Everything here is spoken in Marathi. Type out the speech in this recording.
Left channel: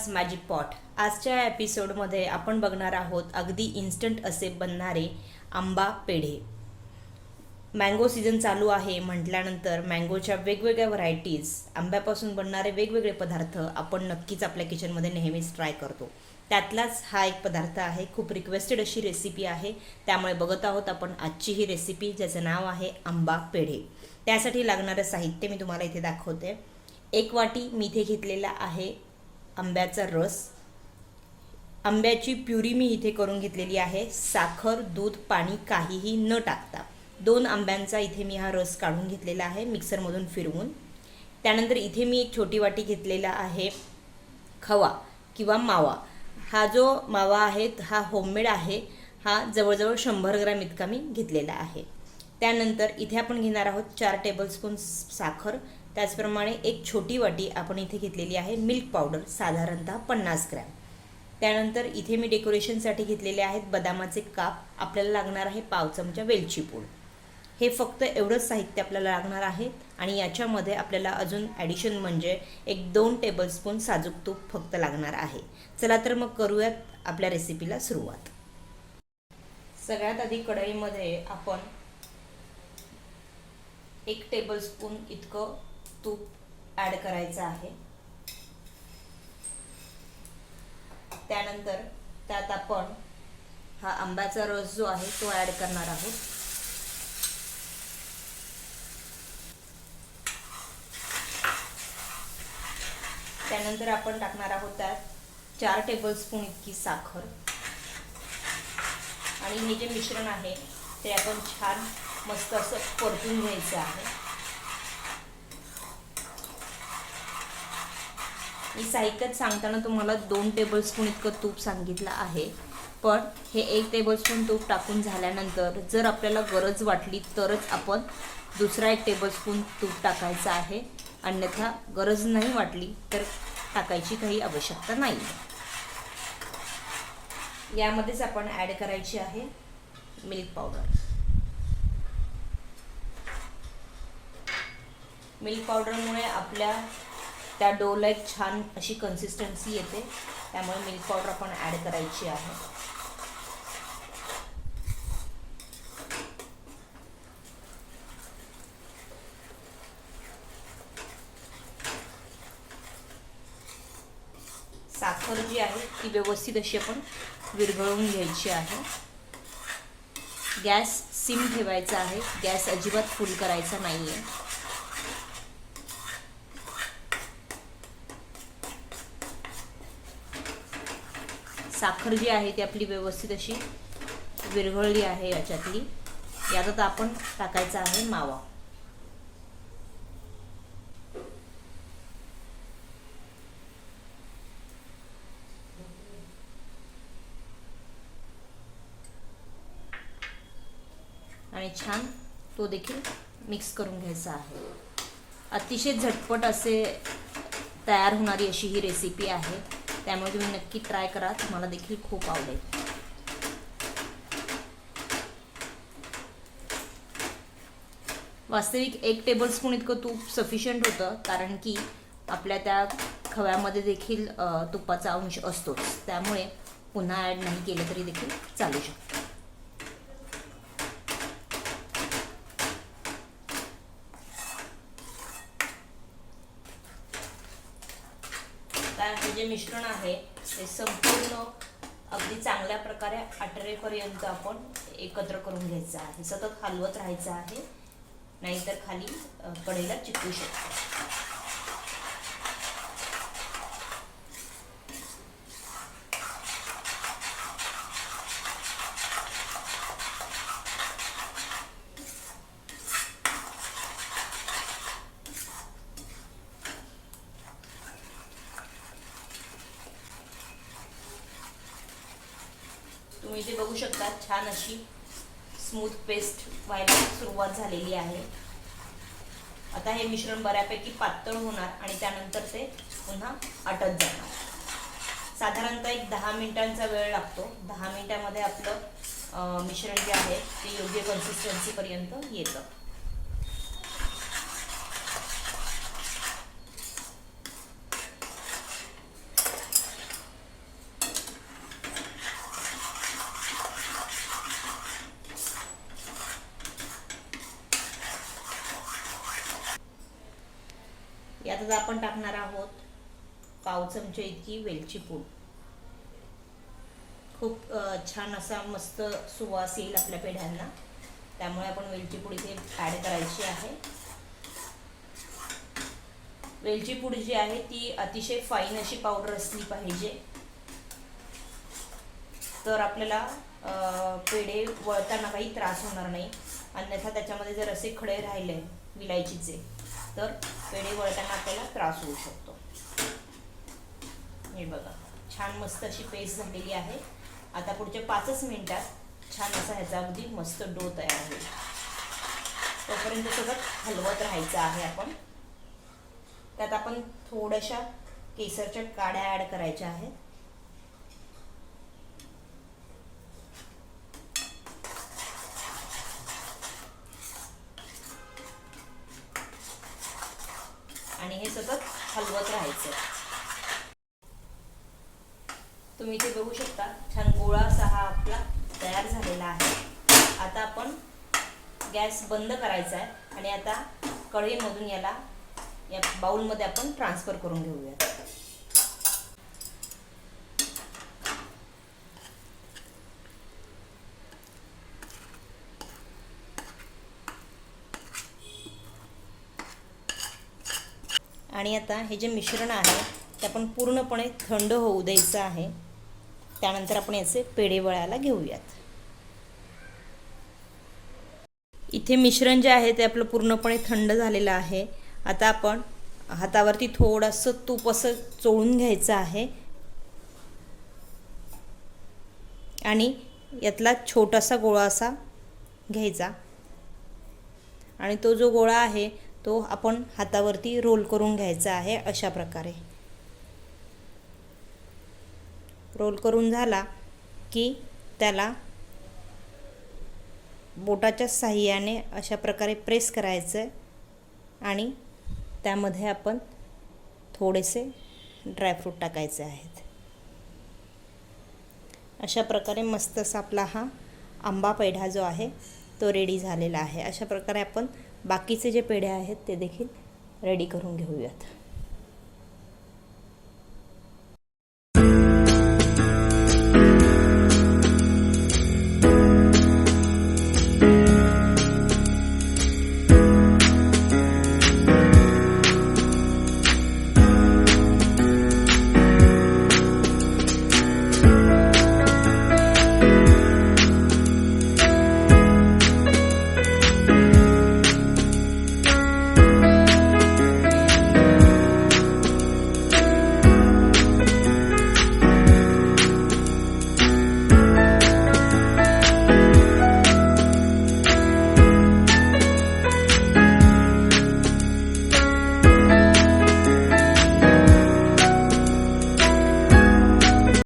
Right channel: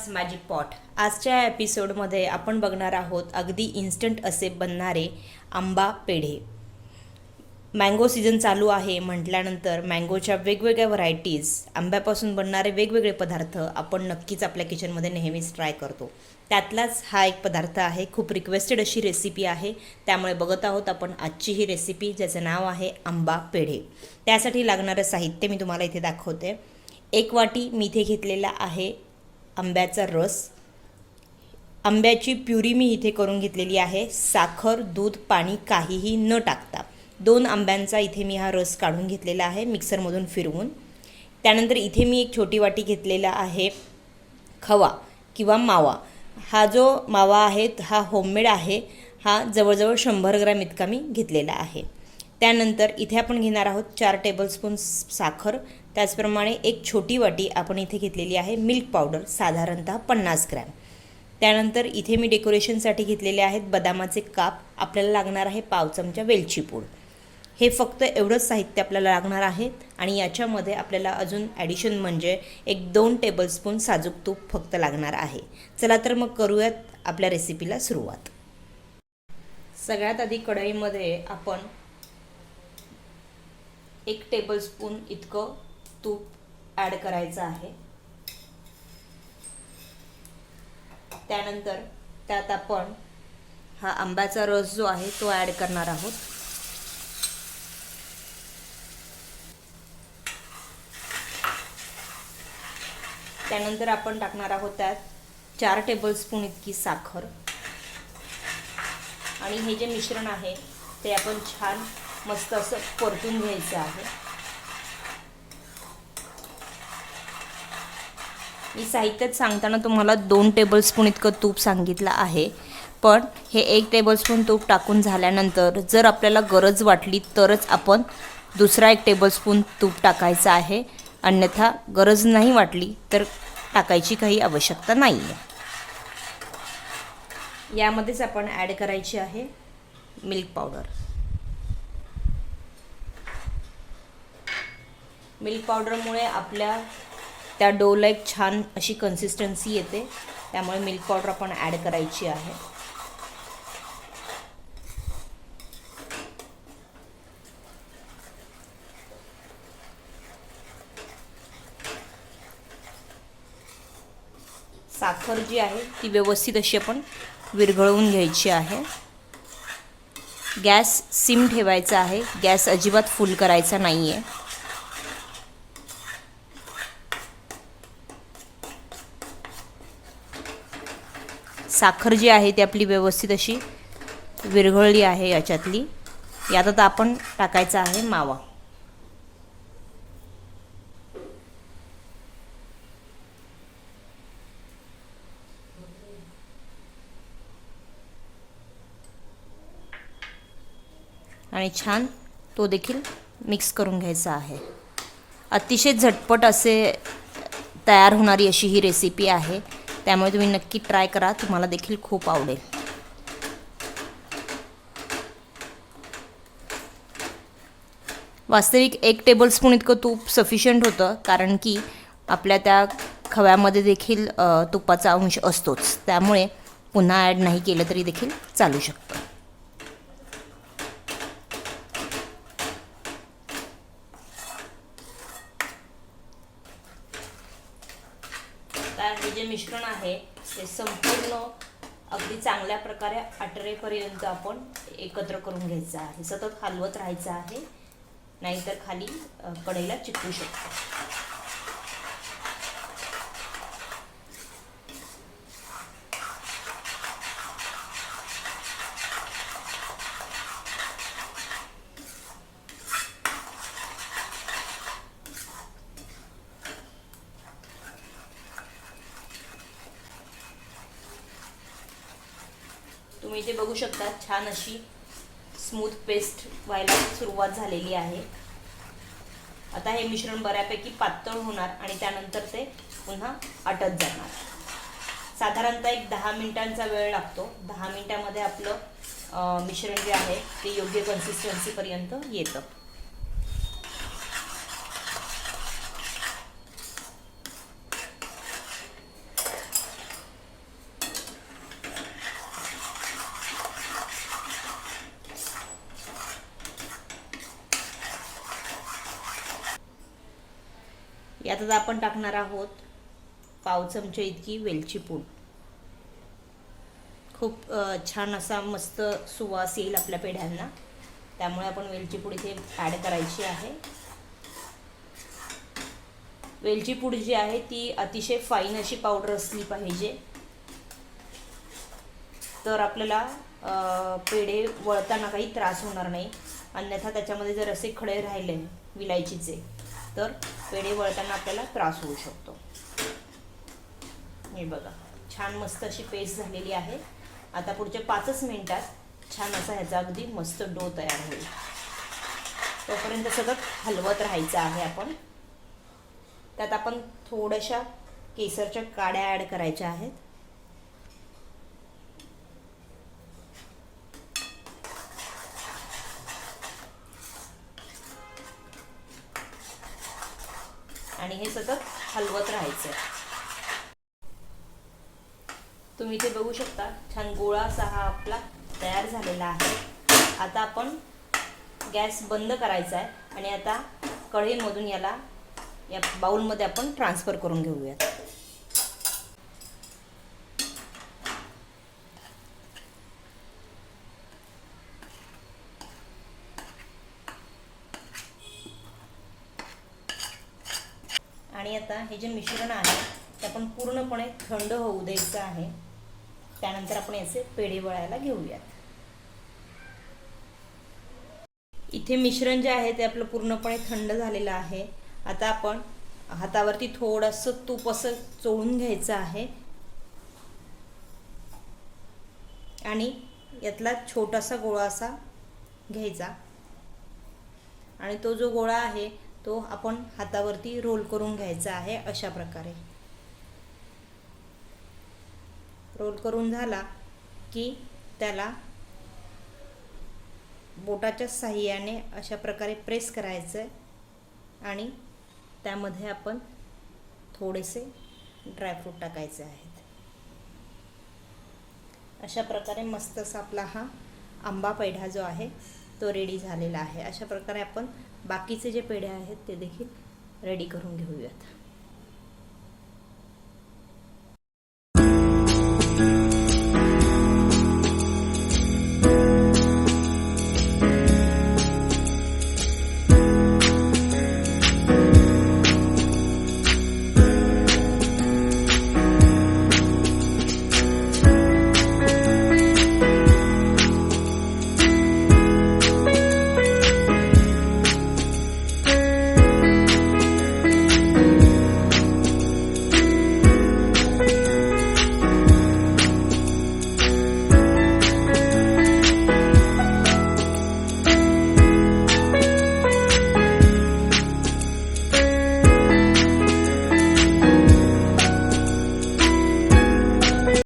Mamma's magic pot. आजच्या एपिसोडमध्ये आपण बघणार आहोत अगदी इन्स्टंट असे बनणारे आंबा पेढे. मँगो सीझन चालू आहे म्हटल्यानंतर मँगोच्या वेगवेगळ्या व्हरायटीज, आंब्यापासून बनणारे वेगवेगळे पदार्थ आपण नक्कीच आपल्या किचनमध्ये नेहमीच ट्राय करतो. त्यातलाच हा एक पदार्थ आहे. खूप रिक्वेस्टेड अशी रेसिपी आहे, त्यामुळे बघत आहोत आपण आजची ही रेसिपी, ज्याचं नाव आहे आंबा पेढे. त्यासाठी लागणारं साहित्य मी तुम्हाला इथे दाखवते. 1 वाटी मी इथे घेतलेला आहे आंब्याचा रस. आंब्याची प्युरी मी इथे करून घेतलेली आहे. साखर, दूध, पाणी काहीही न टाकता 2 आंब्यांचा इथे मी हा रस काढून घेतलेला आहे मिक्सरमधून फिरवून. त्यानंतर इथे मी एक छोटी वाटी घेतलेला आहे खवा किंवा मावा. हा जो मावा आहे हा होममेड आहे. हा जवळजवळ 100 ग्रॅम इतका मी घेतलेला आहे. त्यानंतर इथे आपण घेणार आहोत 4 टेबलस्पून साखर. त्याचप्रमाणे एक छोटी वाटी आपण इथे घेतलेली आहे मिल्क पावडर, साधारणतः 50 ग्रॅम. त्यानंतर इथे मी डेकोरेशनसाठी घेतलेले आहेत बदामाचे काप. आपल्याला लागणार आहे पाव चमचा वेलची पूड. हे फक्त एवढंच साहित्य आपल्याला लागणार आहे. आणि याच्यामध्ये आपल्याला अजून ॲडिशन म्हणजे एक 2 टेबलस्पून साजूक तूप फक्त लागणार आहे. चला तर मग करूयात आपल्या रेसिपीला सुरुवात. सगळ्यात आधी कढईमध्ये आपण 1 टेबलस्पून इतकं तूप ॲड करायचं आहे. त्यानंतर त्यात आपण हा आंब्याचा रस जो आहे तो ॲड करणार आहोत. त्यानंतर आपण टाकणार आहोत त्यात 4 टेबलस्पून इतकी साखर. आणि हे जे मिश्रण आहे ते आपण छान मस्त असं परतून घ्यायचं आहे. मी साहित्यात सांगताना तुम्हाला 2 टेबलस्पून इतकं तूप सांगितलं आहे, पण हे 1 टेबलस्पून तूप टाकून झाल्यानंतर जर आपल्याला गरज वाटली तरच आपण दुसरा 1 टेबलस्पून तूप टाकायचा आहे. अन्यथा गरज नाही वाटली तर टाकायची काही आवश्यकता नाही आहे. यामध्येच आपण ॲड करायची आहे मिल्क पावडर. मिल्क पावडरमुळे आपल्या त्या डोला एक छान अशी कन्सिस्टन्सी येते, त्यामुळे मिल्क पावडर आपण ॲड करायची आहे. साखर जी आहे ती व्यवस्थित अशी आपण विरघळवून घ्यायची आहे. गॅस सिम ठेवायचा आहे. गॅस अजिबात फुल करायचा नाही आहे. साखर जी आहे ती आपली व्यवस्थित अशी विरघळली आहे याच्यातली. यात आता आपण टाकायचा आहे मावा. आणि छान तो देखील मिक्स करून घ्यायचा आहे. अतिशय झटपट असे तयार होणारी अशी ही रेसिपी आहे, त्यामुळे तुम्ही नक्की ट्राय करा. तुम्हाला देखील खूप आवडेल. वास्तविक 1 टेबलस्पून इतकं तूप सफिशियंट होतं, कारण की आपल्या त्या खव्यामध्ये देखील तुपाचा अंश असतोच. त्यामुळे पुन्हा ॲड नाही केलं तरी देखील चालू शकतं. हे जे मिश्रण आहे ते संपूर्ण अगदी चांगल्या प्रकारे आटरेपर्यंत आपण एकत्र करून घ्यायचं आहे. सतत हलवत राहायचं आहे, नाहीतर खाली कढईला चिकटू शकतो. तुम्ही इथे बघू शकता छान अशी स्मूथ पेस्ट व्हायला सुरुवात झालेली आहे. आता हे मिश्रण बऱ्यापैकी पातळ होणार आणि त्यानंतर ते पुन्हा आटत जाणार. साधारणतः एक 10 मिनिटांचा वेळ लागतो. 10 मिनिटांमध्ये आपलं मिश्रण जे आहे ते योग्य कन्सिस्टन्सीपर्यंत येतं. त्यातच आपण टाकणार आहोत पाव चमचे इतकी वेलची पूड. खूप छान असा मस्त सुवास येईल आपल्या पेढ्यांना, त्यामुळे आपण वेलची पूड इथे ॲड करायची आहे. वेलची पूड जी आहे ती अतिशय फाईन अशी पावडर असली पाहिजे, तर आपल्याला पेढे वळताना काही त्रास होणार नाही. अन्यथा त्याच्यामध्ये जर असे खडे राहिले विलायचीचे तर पेढे वळताना आपल्याला त्रास होऊ शकतो. हे बघा, छान मस्त अशी पेस्ट झालेली आहे. आता पुढच्या 5 मिनिटात छान असा ह्याचा अगदी मस्त डो तयार होईल. तोपर्यंत सतत हलवत राहायचं आहे आपण. त्यात आपण थोड्याशा केसरच्या काड्या ॲड करायच्या आहेत. आणि हे सतत हलवत राहायचं. तुम्ही इथे बघू शकता छान गोळा असा हा आपला तयार झालेला आहे. आता आपण गॅस बंद करायचा आहे आणि आता कढईमधून याला या बाउलमध्ये आपण ट्रान्सफर करून घेऊयात. आणि आता हे जे मिश्रण आहे ते आपण पूर्णपणे थंड होऊ द्यायचं आहे. त्यानंतर आपण याचे पेढे वळायला घेऊयात. इथे मिश्रण जे आहे ते आपलं पूर्णपणे थंड झालेलं आहे. आता आपण हातावरती थोडंसं तूप असं चोळून घ्यायचं आहे आणि यातला छोटासा गोळा असा घ्यायचा आणि तो जो गोळा आहे तो आपण हातावरती रोल करून घ्यायचा आहे. अशा प्रकारे रोल करून झाला की त्याला बोटाच्या साहाय्याने अशा प्रकारे प्रेस करायचं आणि त्यामध्ये आपण थोडेसे ड्रायफ्रूट टाकायचे आहेत. अशा प्रकारे मस्त असा आपला हा आंबा पेढा जो आहे तो रेडी झालेला आहे. अशा प्रकारे आपण बाकीचे जे पेढे आहेत ते देखील रेडी करून घेऊयात.